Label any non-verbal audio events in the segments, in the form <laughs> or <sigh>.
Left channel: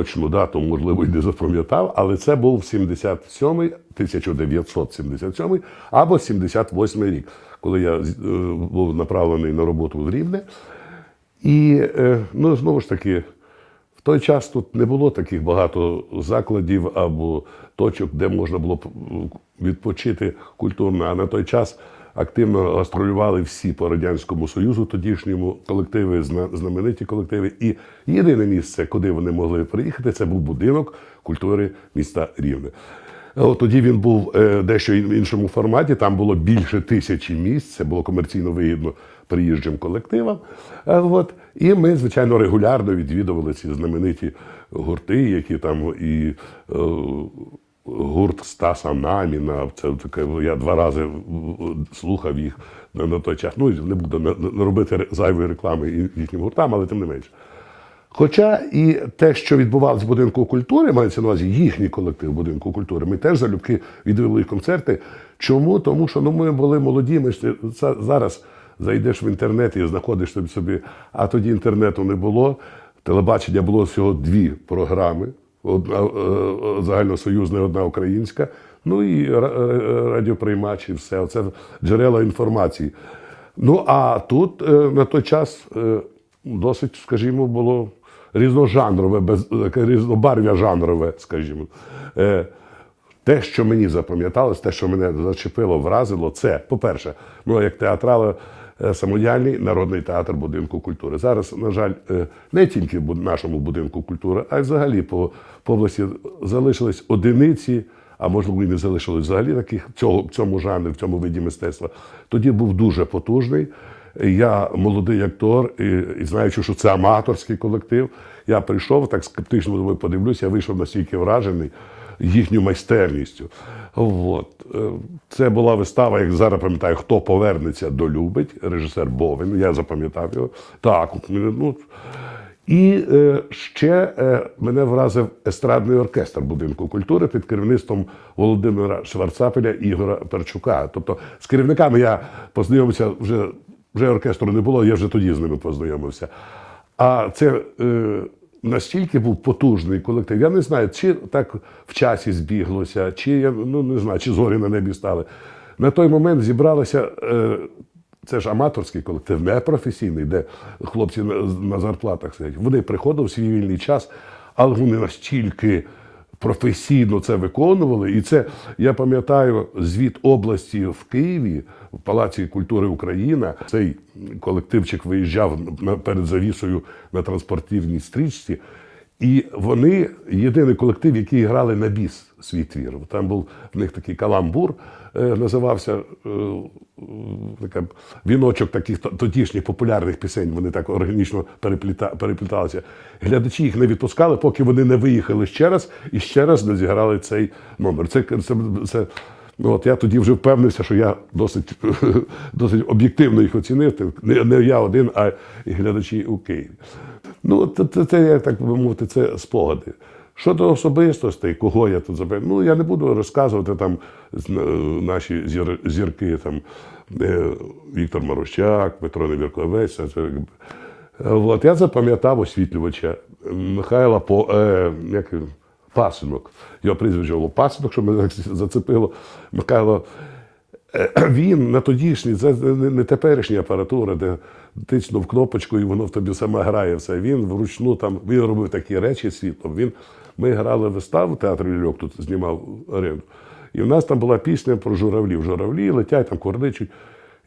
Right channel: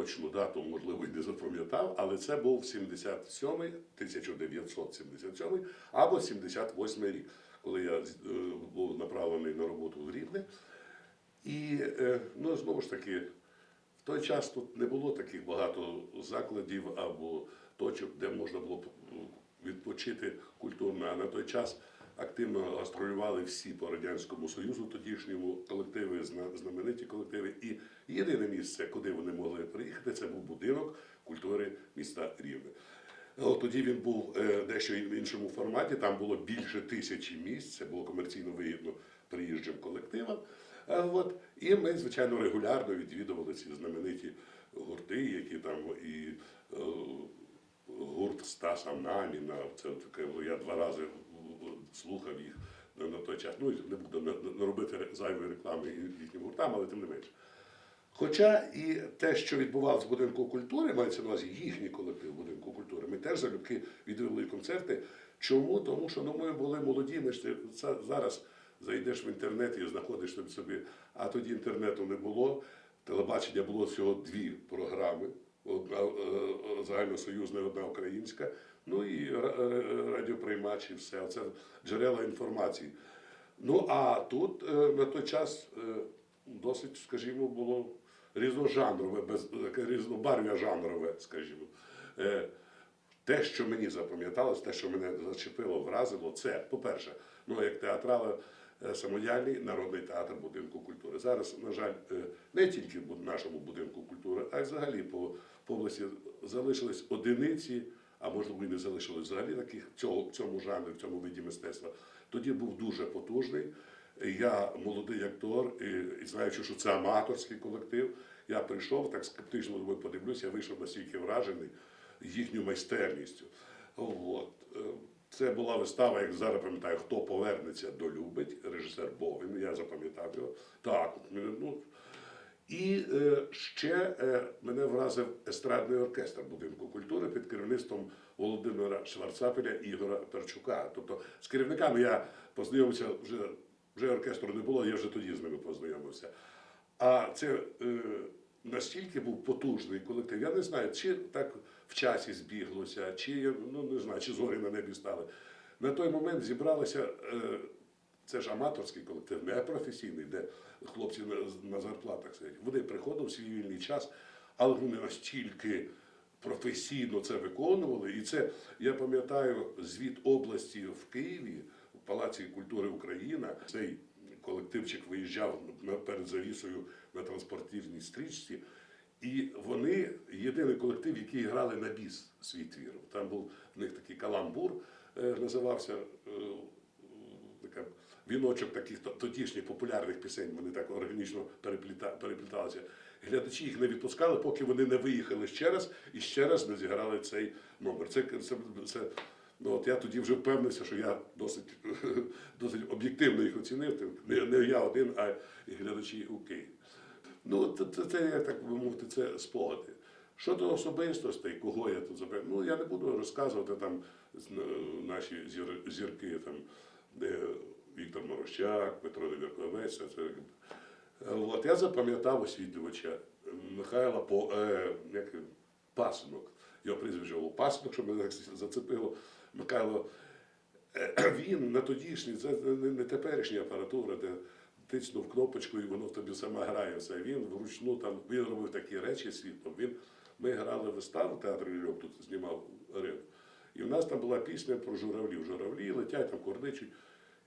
точну дату, можливо, і не запам'ятав, але це був 77-й, 1977 або 78 рік, коли я е, був направлений на роботу в Рівне. І е, ну, знову ж таки, в той час тут не було таких багато закладів або точок, де можна було б відпочити культурно. А на той час активно гастролювали всі по Радянському Союзу, тодішньому колективи, знамениті колективи. І єдине місце, куди вони могли приїхати, це був будинок культури міста Рівне. Тоді він був е, дещо в іншому форматі. Там було більше тисячі місць. Це було комерційно вигідно приїжджим колективам. Е, От. І ми, звичайно, регулярно відвідували ці знамениті гурти, які там і е, гурт Стаса Наміна. Це таке, я два рази слухав їх на, на той час. Ну, не буду робити зайвої реклами їхнім гуртам, але тим не менше. Хоча і те, що відбувалося в будинку культури, мається на увазі їхній колектив будинку культури, ми теж залюбки відвели концерти. Чому? Тому що ну, ми були молоді, ми ж зараз зайдеш в інтернет і знаходиш собі собі, а тоді інтернету не було. Телебачення було всього дві програми: одна е, загальносоюзна, одна українська. Ну і ра- радіоприймач, і все. Це джерела інформації. Ну а тут е, на той час е, досить, скажімо, було різножанрове, без різнобарв'я жанрове, скажімо. Е, те, що мені запам'яталось, те, що мене зачепило, вразило, це, по-перше, ну як театрала е, самодіяльний народний театр будинку культури. Зараз, на жаль, е, не тільки в нашому будинку культури, а й взагалі по, області залишились одиниці, а можливо і не залишилось взагалі таких цього, в цьому жанрі, в цьому виді мистецтва. Тоді був дуже потужний. Я молодий актор, і, і знаючи, що це аматорський колектив, я прийшов так скептично думаю, подивлюся, я вийшов настільки вражений їхню майстерністю. От. Е, Це була вистава, як зараз пам'ятаю, хто повернеться до любить, режисер Бовин. Я запам'ятав його. Так, ну. І е, ще е, мене вразив естрадний оркестр будинку культури під керівництвом Володимира Шварцапеля і Ігора Перчука. Тобто з керівниками я познайомився вже, вже оркестру не було, я вже тоді з ними познайомився. А це настільки був потужний колектив. Я не знаю, чи так в часі збіглося, чи я ну не знаю, чи зорі на небі стали. На той момент зібралося. Е, це ж аматорський колектив, не професійний, де хлопці на, на зарплатах сидять. Вони приходили в свій вільний час, але вони настільки професійно це виконували. І це я пам'ятаю звіт області в Києві, в Палаці культури Україна. Цей колективчик виїжджав перед завісою на транспортивній стрічці. І вони єдиний колектив, який грали на біс свій твір. Там був в них такий каламбур, е, називався е, така, віночок таких тодішніх популярних пісень. Вони так органічно перепліта, перепліталися. Глядачі їх не відпускали, поки вони не виїхали ще раз і ще раз не зіграли цей номер. Це, це, це от я тоді вже впевнився, що я досить, <laughs> досить об'єктивно їх оцінив. Не, не я один, а і глядачі у Києві. Ну, це, це, як так би мовити, це спогади. Щодо особистостей, кого я тут забив, ну я не буду розказувати там е, наші зір, зірки, там е, Віктор Марущак, Петро Невірковець. Е, От, я запам'ятав освітлювача Михайла по, е, як, він? Пасинок. Його прізвище було Пасинок, що мене зацепило. Михайло <clears throat> він на тодішній, це не теперішня апаратура, де тиснув кнопочку і воно в тобі саме грає все. Він вручну там він робив такі речі світлом. Він, ми грали виставу, театр Лільок тут знімав арену. І в нас там була пісня про журавлів. Журавлі летять, там корничуть.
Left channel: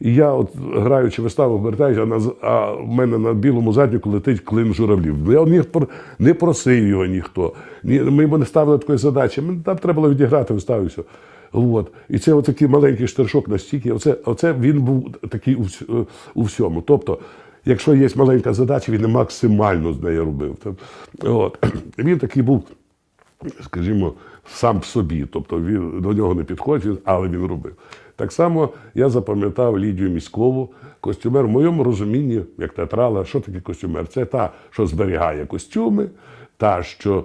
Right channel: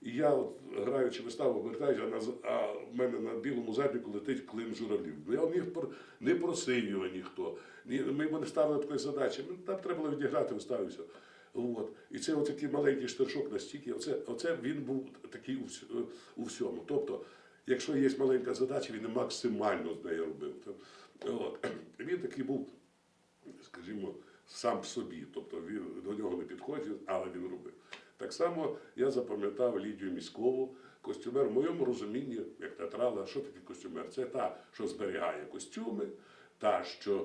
І я, от граючи виставу, вертаюся, а, а в мене на білому задніку летить клин журавлів. Я не, просив його ніхто. Ні, ми йому не ставили такої задачі. Там треба було відіграти виставу. і. От. І це такий маленький штершок настільки. Оце, оце він був такий у, у всьому. Тобто, якщо є маленька задача, він максимально з нею робив. От. <clears throat> Він такий був, скажімо, сам в собі. Тобто він до нього не підходить, але він робив. Так само я запам'ятав Лідію Міськову, костюмер в моєму розумінні, як театрала, що таке костюмер? Це та, що зберігає костюми, та, що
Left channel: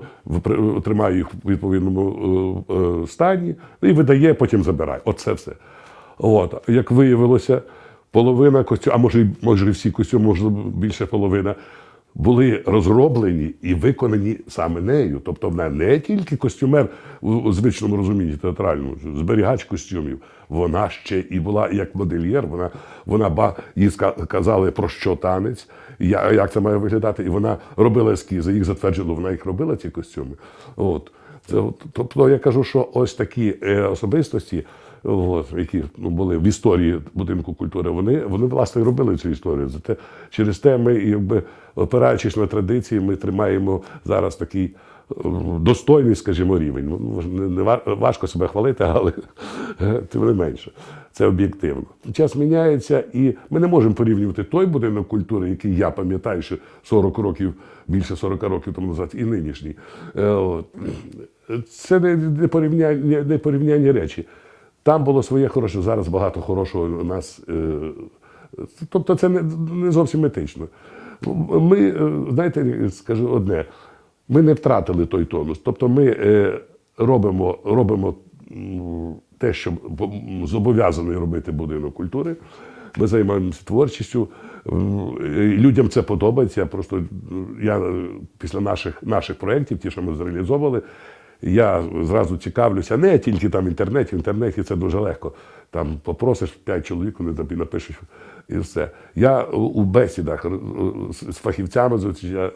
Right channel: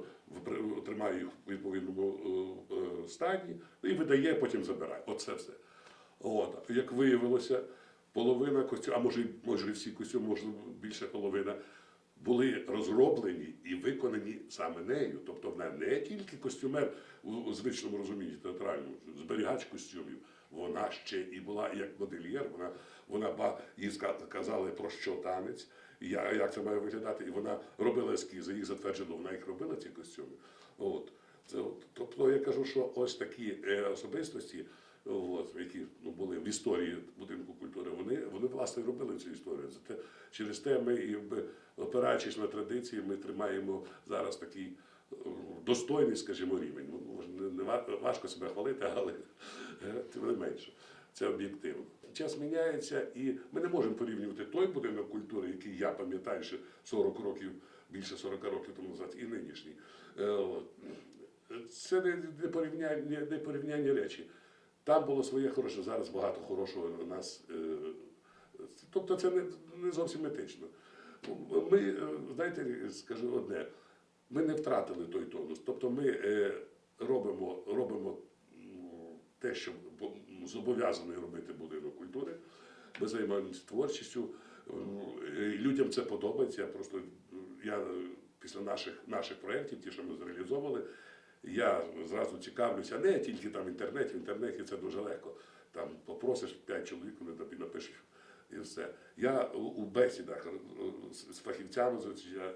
тримає їх в відповідному е, е, стані, і видає, потім забирає. Оце все. От. Як виявилося, половина костюмів, а може, може всі костюми, може більше половина, були розроблені і виконані саме нею. Тобто вона не тільки костюмер у, звичному розумінні театральному, зберігач костюмів. Вона ще і була як модельєр. Вона, вона ба, їй казали про що танець, як це має виглядати. І вона робила ескізи, їх затверджувала, вона їх робила, ці костюми. От. Це, тобто я кажу, що ось такі е, особистості, от, які ну, були в історії будинку культури, вони, вони власне робили цю історію. Зате через те ми, якби опираючись на традиції, ми тримаємо зараз такий е, достойний, скажімо, рівень. Ну, не, не важко себе хвалити, але <laughs> тим не менше. Це об'єктивно. Час міняється, і ми не можемо порівнювати той будинок культури, який я пам'ятаю, що 40 років, більше 40 років тому назад, і нинішній. Е. Це не, порівняння, не порівняння речі. Там було своє хороше, зараз багато хорошого у нас. е, Тобто це не, зовсім етично. Ми, е, знаєте, скажу одне, ми не втратили той тонус. Тобто ми е, робимо, робимо те, що зобов'язаний робити будинок культури. Ми займаємося творчістю. Людям це подобається. Просто я після наших, наших проєктів, ті, що ми зреалізовували, я зразу цікавлюся, не тільки там інтернеті, в інтернеті це дуже легко. Там попросиш п'ять чоловік, вони тобі напишуть і все. Я у- бесідах е, з фахівцями я,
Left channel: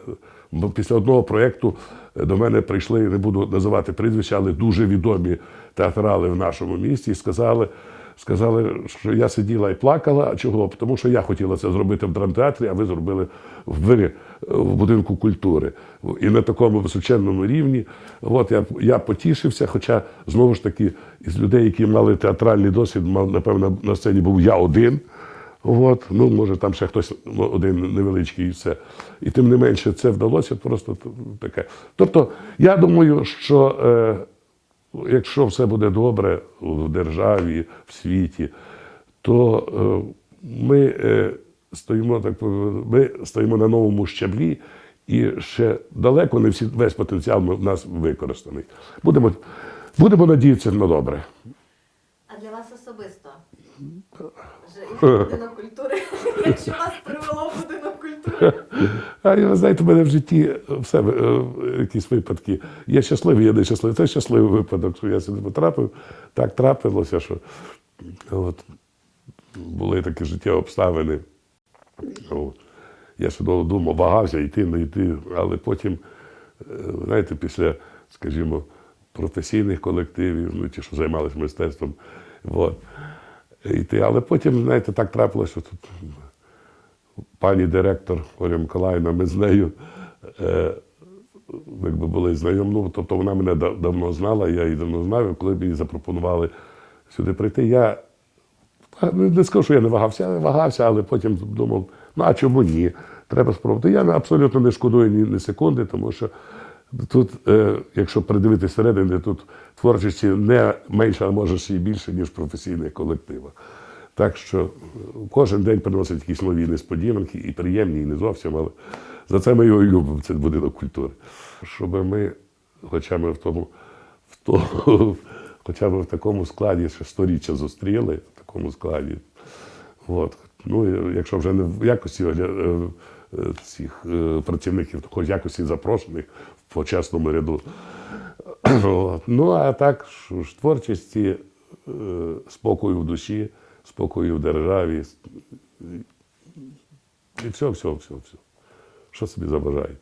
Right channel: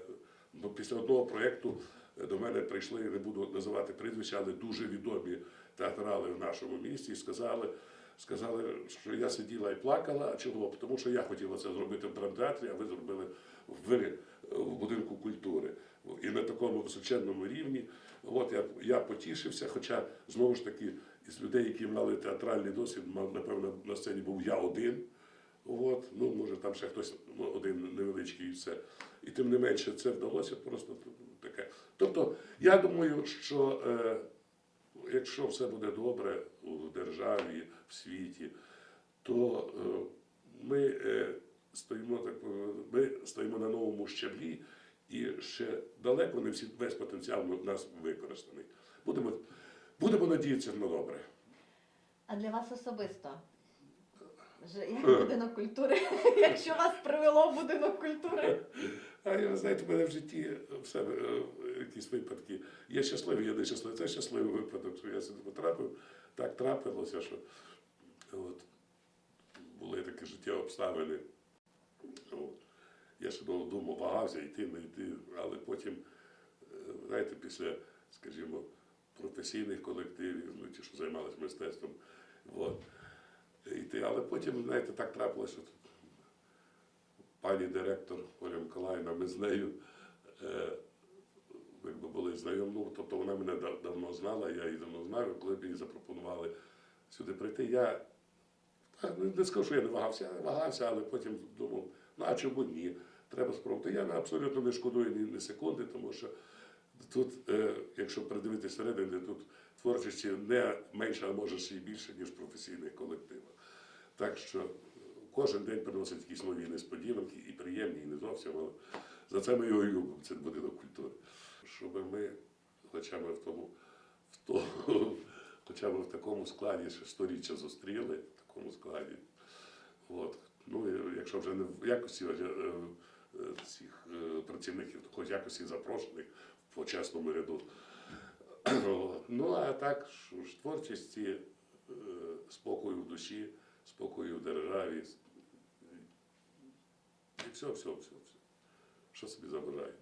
після одного проєкту до мене прийшли, не буду називати прізвища, але дуже відомі театрали в нашому місті і сказали. Сказали, що я сиділа і плакала. А чого? Тому що я хотіла це зробити в драмтеатрі, а ви зробили в вирі в будинку культури. І на такому височенному рівні. От я, я потішився, хоча знову ж таки із людей, які мали театральний досвід, мав, напевно, на сцені був я один. От, ну, може, там ще хтось один невеличкий і все. І тим не менше, це вдалося просто таке. Тобто, я думаю, що е, якщо все буде добре в державі, в світі, то е, ми е, стоїмо так, ми стоїмо на новому щаблі, і ще далеко не всі, весь потенціал в нас використаний. Будемо, будемо надіятися на добре. А для вас особисто? Будинок культури, <laughs> якщо вас привело в будинок культури. А ви знаєте, в мене в житті все е, якісь випадки. Є щасливі, є нещасливі. Це щасливий випадок, що я сюди потрапив. Так трапилося, що от, були такі життєві обставини. Я ще довго думав, вагався йти, не йти, але потім, е, знаєте, після, скажімо, професійних колективів, ну ті, що займалися мистецтвом, от, йти. Але потім, знаєте, так трапилося, що тут пані директор Оля Миколаївна, ми з нею е, якби були знайомі. Ну, тобто вона мене да- давно знала, я її давно знав, коли мені запропонували сюди прийти, я ну, не скажу, що я не вагався, я вагався, але потім думав, ну а чому ні? Треба спробувати. Я абсолютно не шкодую ні, ні секунди, тому що тут, е, якщо придивитися всередини, тут творчості не менше, а може ще й більше, ніж професійних колективах. Так що е, кожен день приносить якісь нові несподіванки, і приємні, і не зовсім, але за це ми його любимо, це будинок культури. Щоб ми, хоча ми в тому, в тому <laughs> хоча б в такому складі ще сторіччя зустріли, в такому складі. От. Ну, якщо вже не в якості е, е, цих працівників, то хоч якості запрошених в почесному ряду. <coughs> От. Ну, а так, ж, творчості, е, спокою в душі, спокою в державі. І все, все, все, все. Що собі забажаєте?